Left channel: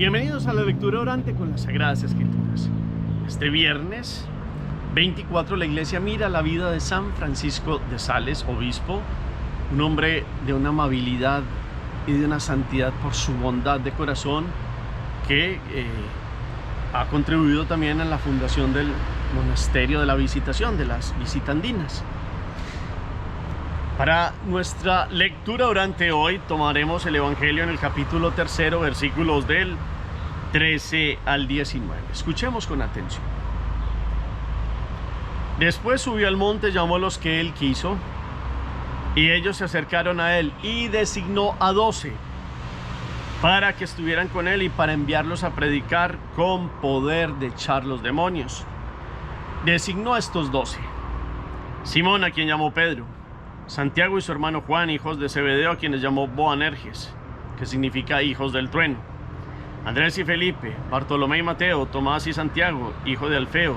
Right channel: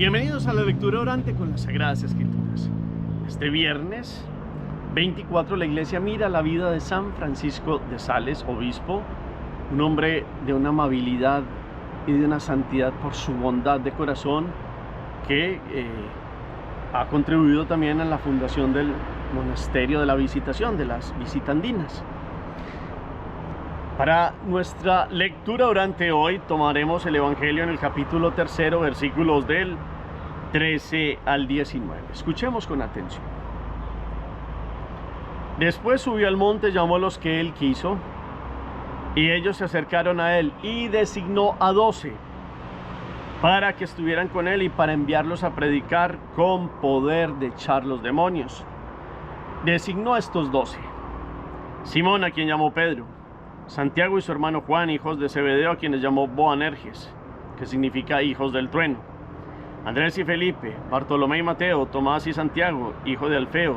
Bienvenidos a la lectura orante con las Sagradas Escrituras. Este viernes 24 la Iglesia mira la vida de San Francisco de Sales, obispo, un hombre de una amabilidad y de una santidad por su bondad de corazón que ha contribuido también en la fundación del monasterio de la Visitación, de las Visitandinas. Para nuestra lectura orante hoy tomaremos el Evangelio en el capítulo 3, versículos del 13 al 19. Escuchemos con atención. Después subió al monte, llamó a los que él quiso, y ellos se acercaron a él, y designó a 12 para que estuvieran con él y para enviarlos a predicar con poder de echar los demonios. Designó a estos 12: Simón, a quien llamó Pedro; Santiago y su hermano Juan, hijos de Zebedeo, a quienes llamó Boanerges, que significa hijos del trueno; Andrés y Felipe; Bartolomé y Mateo; Tomás y Santiago, hijo de Alfeo;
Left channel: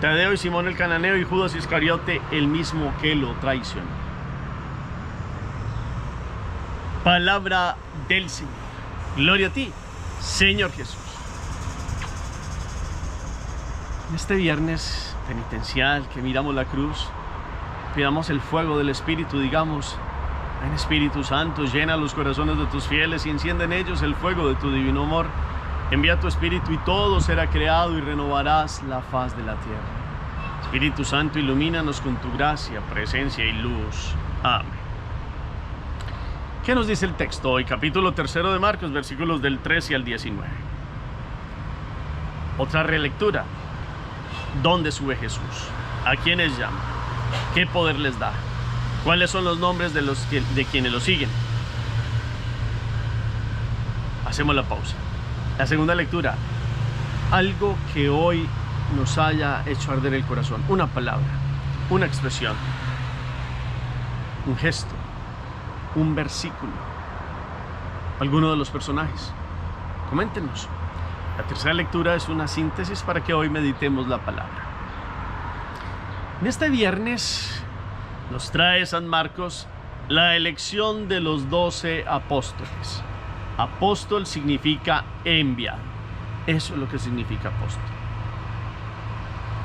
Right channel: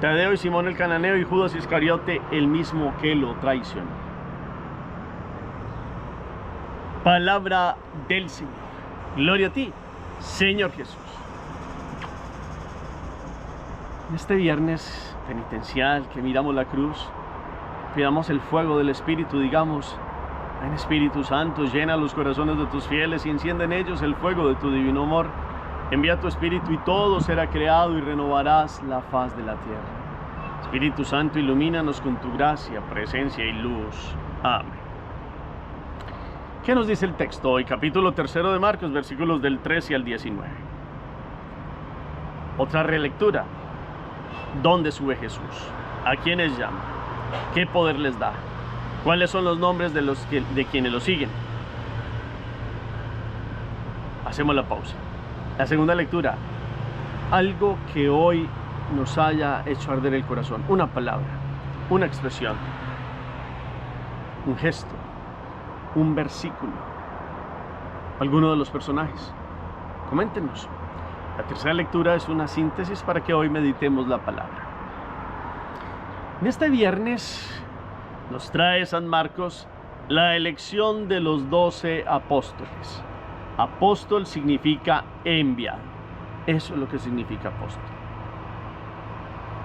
Tadeo y Simón el cananeo; y Judas Iscariote, el mismo que lo traicionó. Palabra del Señor. Gloria a ti, Señor Jesús. En este viernes penitencial que miramos la cruz, pidamos el fuego del Espíritu, digamos: ven Espíritu Santo, llena los corazones de tus fieles y enciende en ellos el fuego de tu divino amor. Envía tu Espíritu y todo será creado y renovarás la faz de la tierra. Espíritu Santo, ilumínanos con tu gracia, presencia y luz. Amén. ¿Qué nos dice el texto hoy? Capítulo 3 de Marcos, versículos del 13 al 19. Otra relectura. ¿Dónde sube Jesús? ¿A quiénes llama? ¿Qué poder les da? ¿Cuáles son los nombres de quienes lo siguen? Hacemos la pausa. La segunda lectura. Algo que hoy nos haya hecho arder el corazón. Una palabra, una expresión, un gesto, un versículo, alguno de los personajes. Coméntenos. La tercera lectura es una síntesis para que hoy meditemos la palabra. En este viernes nos trae San Marcos la elección de los 12 apóstoles. Apóstol significa enviado. Eso es lo que significa apóstol.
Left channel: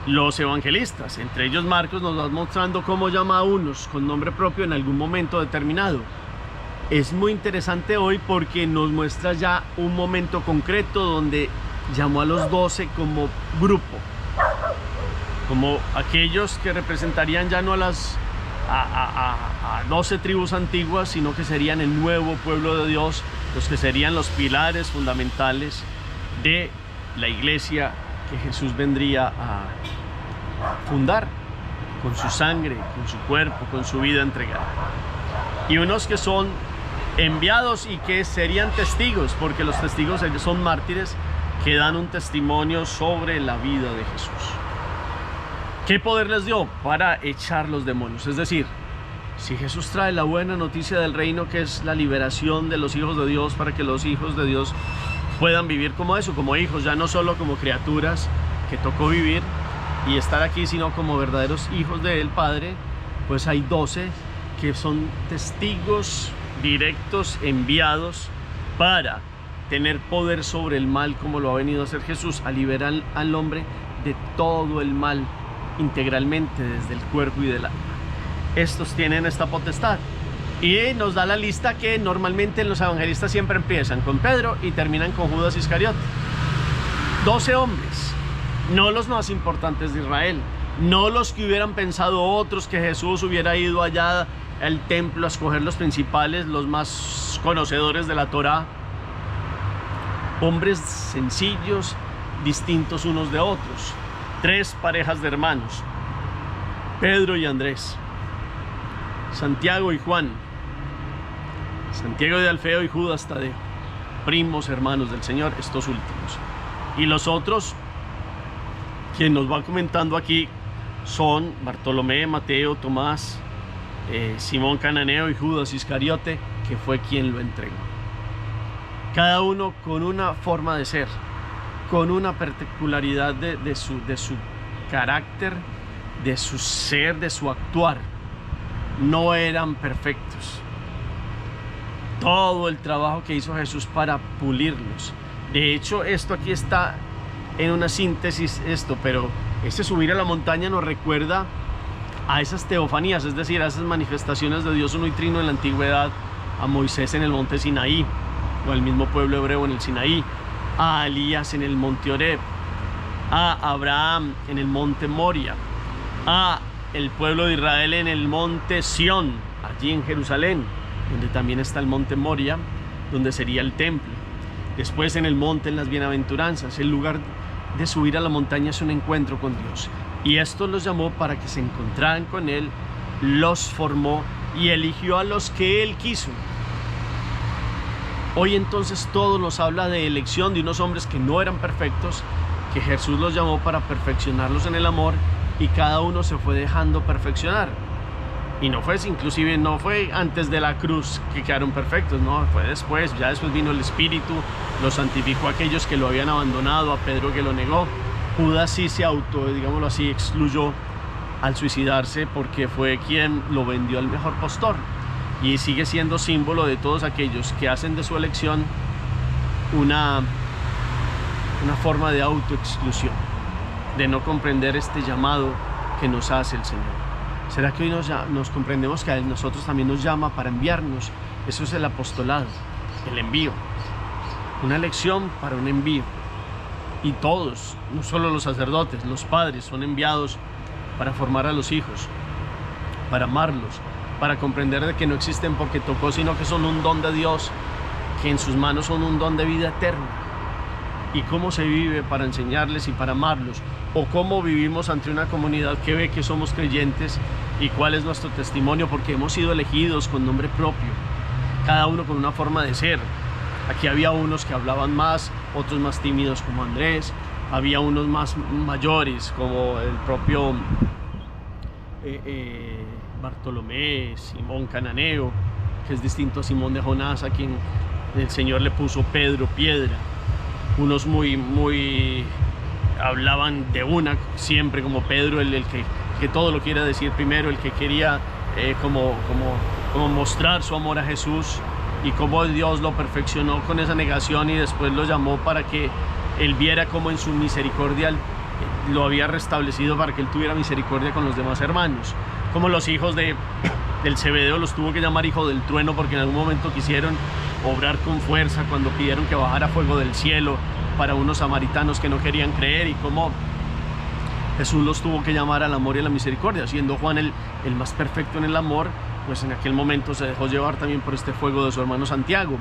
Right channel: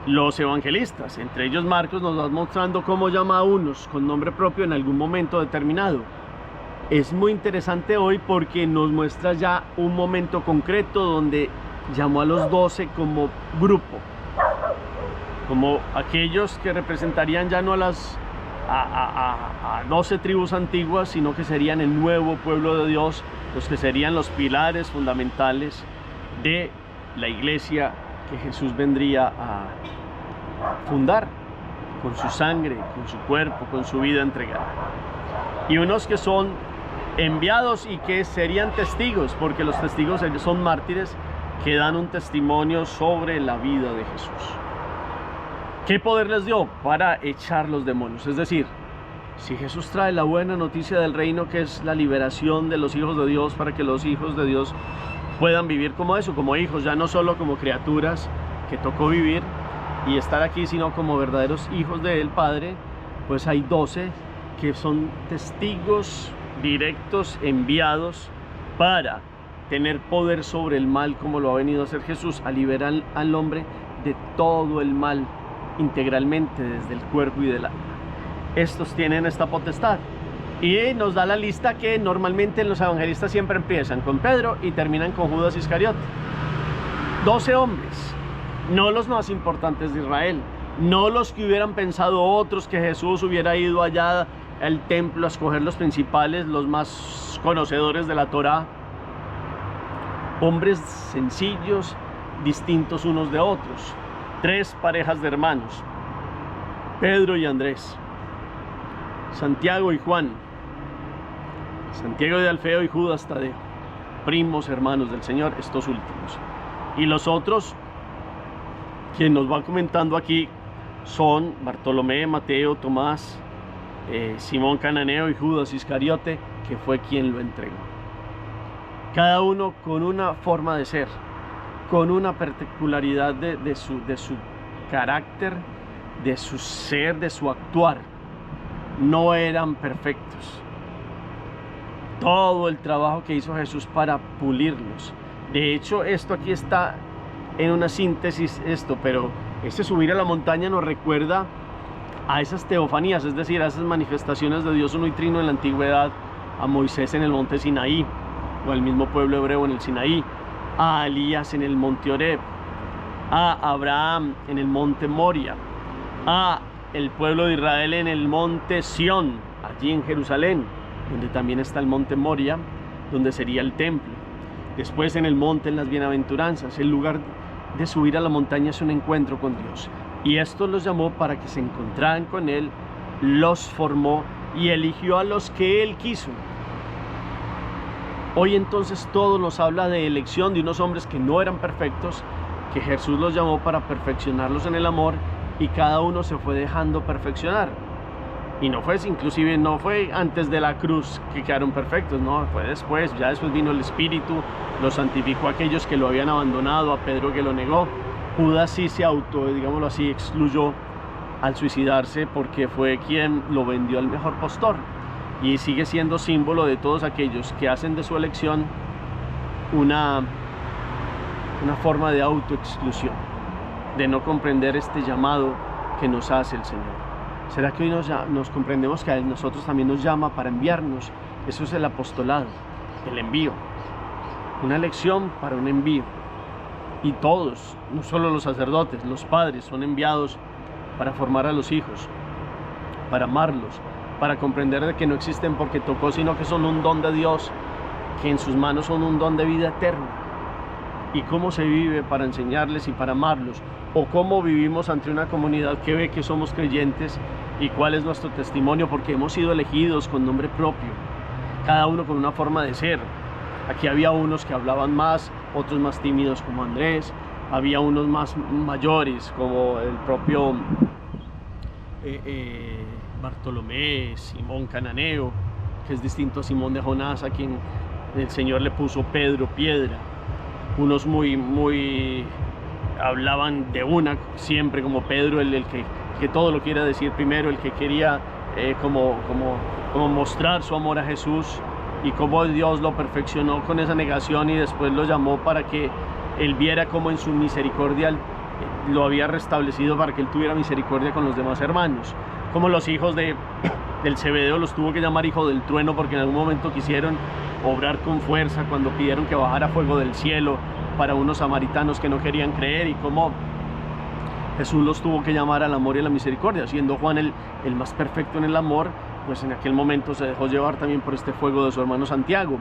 Los evangelistas, entre ellos Marcos, nos van mostrando cómo llama a unos con nombre propio en algún momento determinado. Es muy interesante hoy porque nos muestra ya un momento concreto donde llamó a los 12 como grupo, como aquellos que representarían ya no a 12 tribus antiguas, sino que serían el nuevo pueblo de Dios, los que serían los pilares fundamentales de la iglesia que Jesús vendría a fundar con su sangre, con su cuerpo, con su vida entregada. Y unos que son enviados y que serían testigos, porque los testigos son mártires que dan un testimonio sobre la vida de Jesús. ¿Qué poder les dio? Para echar los demonios. Es decir, si Jesús trae la buena noticia del reino, que es la liberación de los hijos de Dios, para que los hijos de Dios puedan vivir como eso, como hijos, ya no solo como criaturas que tocó vivir y estar aquí, sino como verdaderos hijos del Padre, pues hay 12 que son testigos directos, enviados para tener poder sobre el mal, como lo ha venido a hacer Jesús, a liberar al hombre de todo el mal integralmente, desde el cuerpo y del alma. Estos tienen esta potestad y nos da la lista que normalmente los evangelistas siempre empiezan con Pedro y terminan con Judas Iscariote. 12 hombres, no los más importantes de Israel, no los que hubieran pensado otros que Jesús hubiera ido allá al templo a escoger los principales, los más conocedores de la Torá. Hombres sencillos, distintos unos de otros. 3 parejas de hermanos: Pedro y Andrés, Santiago y Juan, Santiago de Alfeo y Judas Tadeo, primos hermanos del Señor, estos últimos. Y los otros, quien nos va comentando aquí, son Bartolomé, Mateo, Tomás, Simón cananeo y Judas Iscariote, que fue quien lo entregó. Cada uno con una forma de ser, con una particularidad de su carácter, de su ser, de su actuar. No eran perfectos. Todo el trabajo que hizo Jesús para pulirlos, De hecho, esto aquí está en una síntesis, pero este subir a la montaña nos recuerda a esas teofanías, es decir, a esas manifestaciones de Dios uno y trino en la antigüedad, a Moisés en el monte Sinaí, o al mismo pueblo hebreo en el Sinaí, a Elías en el monte Horeb, a Abraham en el monte Moria, a el pueblo de Israel en el monte Sión, allí en Jerusalén, donde también está el monte Moria, donde sería el templo. Después en el monte, en las bienaventuranzas. El lugar de subir a la montaña es un encuentro con Dios, y esto los llamó para que se encontraran con Él, los formó y eligió a los que Él quiso. Hoy entonces todo nos habla de elección de unos hombres que no eran perfectos, que Jesús los llamó para perfeccionarlos en el amor, y cada uno se fue dejando perfeccionar. Y no fue, inclusive no fue antes de la cruz que quedaron perfectos, no, fue después. Ya después vino el Espíritu, los santificó a aquellos que lo habían abandonado, a Pedro que lo negó. Judas sí se digámoslo así, excluyó al suicidarse, porque fue quien lo vendió al mejor postor, y sigue siendo símbolo de todos aquellos que hacen de su elección una forma de autoexclusión, de no comprender este llamado que nos hace el Señor. ¿Será que hoy nos comprendemos que a nosotros también nos llama para enviarnos? Eso es el apostolado, el envío, una elección para un envío. Y todos, no solo los sacerdotes, los padres son enviados para formar a los hijos, para amarlos, para comprender de que no existen porque tocó, sino que son un don de Dios, que en sus manos son un don de vida eterna. Y cómo se vive para enseñarles y para amarlos, o cómo vivimos ante una comunidad que ve que somos creyentes, y cuál es nuestro testimonio, porque hemos sido elegidos con nombre propio, cada uno con una forma de ser. Aquí había unos que hablaban más, otros más tímidos como Andrés, había unos más mayores como el propio Bartolomé, Simón Cananeo, que es distinto a Simón de Jonás, a quien el Señor le puso Pedro, piedra. Unos muy hablaban de una siempre, como Pedro, el que todo lo quiere decir primero, el que quería como mostrar su amor a Jesús, y cómo Dios lo perfeccionó con esa negación, y después lo llamó para que él viera cómo en su misericordia lo había restablecido, para que él tuviera misericordia con los demás hermanos. Como los hijos del Zebedeo los tuvo que llamar hijo del trueno, porque en algún momento quisieron obrar con fuerza cuando pidieron que bajara fuego del cielo para unos samaritanos que no querían creer, y cómo Jesús los tuvo que llamar al amor y a la misericordia. Siendo Juan el más perfecto en el amor, pues en aquel momento se dejó llevar también por este fuego de su hermano Santiago,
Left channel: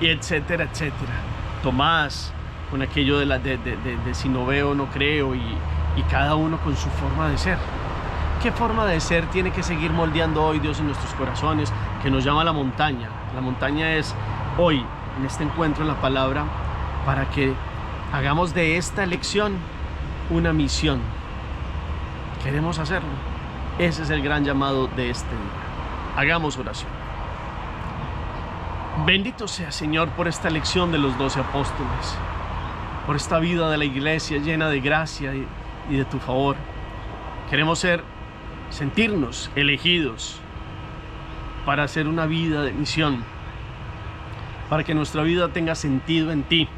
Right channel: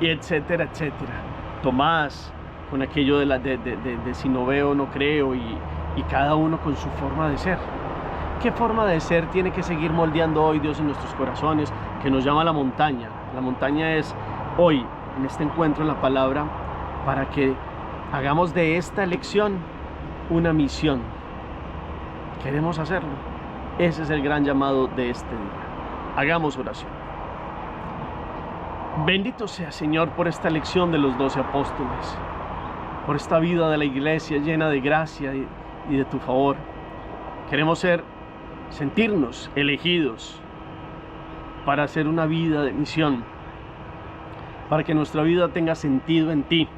y etcétera, etcétera. Tomás, con aquello de si no veo, no creo, y cada uno con su forma de ser. ¿Qué forma de ser tiene que seguir moldeando hoy Dios en nuestros corazones, que nos llama a la montaña? La montaña es hoy, en este encuentro en la palabra, para que hagamos de esta elección una misión. ¿Queremos hacerlo? Ese es el gran llamado de este día. Hagamos oración. Bendito sea, Señor, por esta elección de los 12 apóstoles, por esta vida de la iglesia llena de gracia y de tu favor. Queremos sentirnos elegidos para hacer una vida de misión, para que nuestra vida tenga sentido en ti,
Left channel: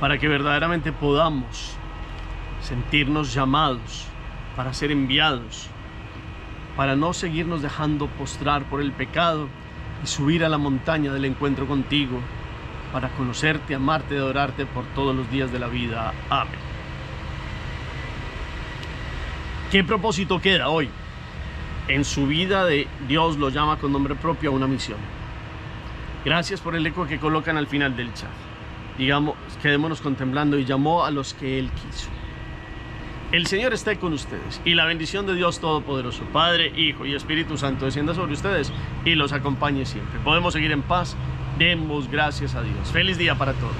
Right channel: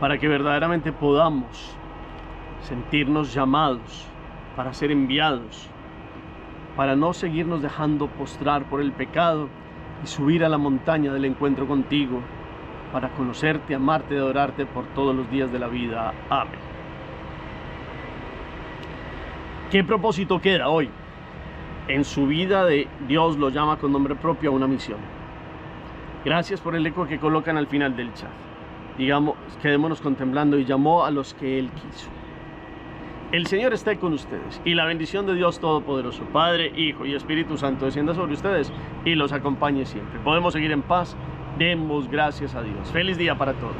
para que verdaderamente podamos sentirnos llamados para ser enviados, para no seguirnos dejando postrar por el pecado y subir a la montaña del encuentro contigo, para conocerte, amarte y adorarte por todos los días de la vida. Amén. ¿Qué propósito queda hoy? En su vida Dios lo llama con nombre propio a una misión. Gracias por el eco que colocan al final del chat. Digamos, quedémonos contemplando: y llamó a los que Él quiso. El Señor esté con ustedes, y la bendición de Dios Todopoderoso, Padre, Hijo y Espíritu Santo, descienda sobre ustedes y los acompañe siempre. Podemos seguir en paz. Demos gracias a Dios. Feliz día para todos.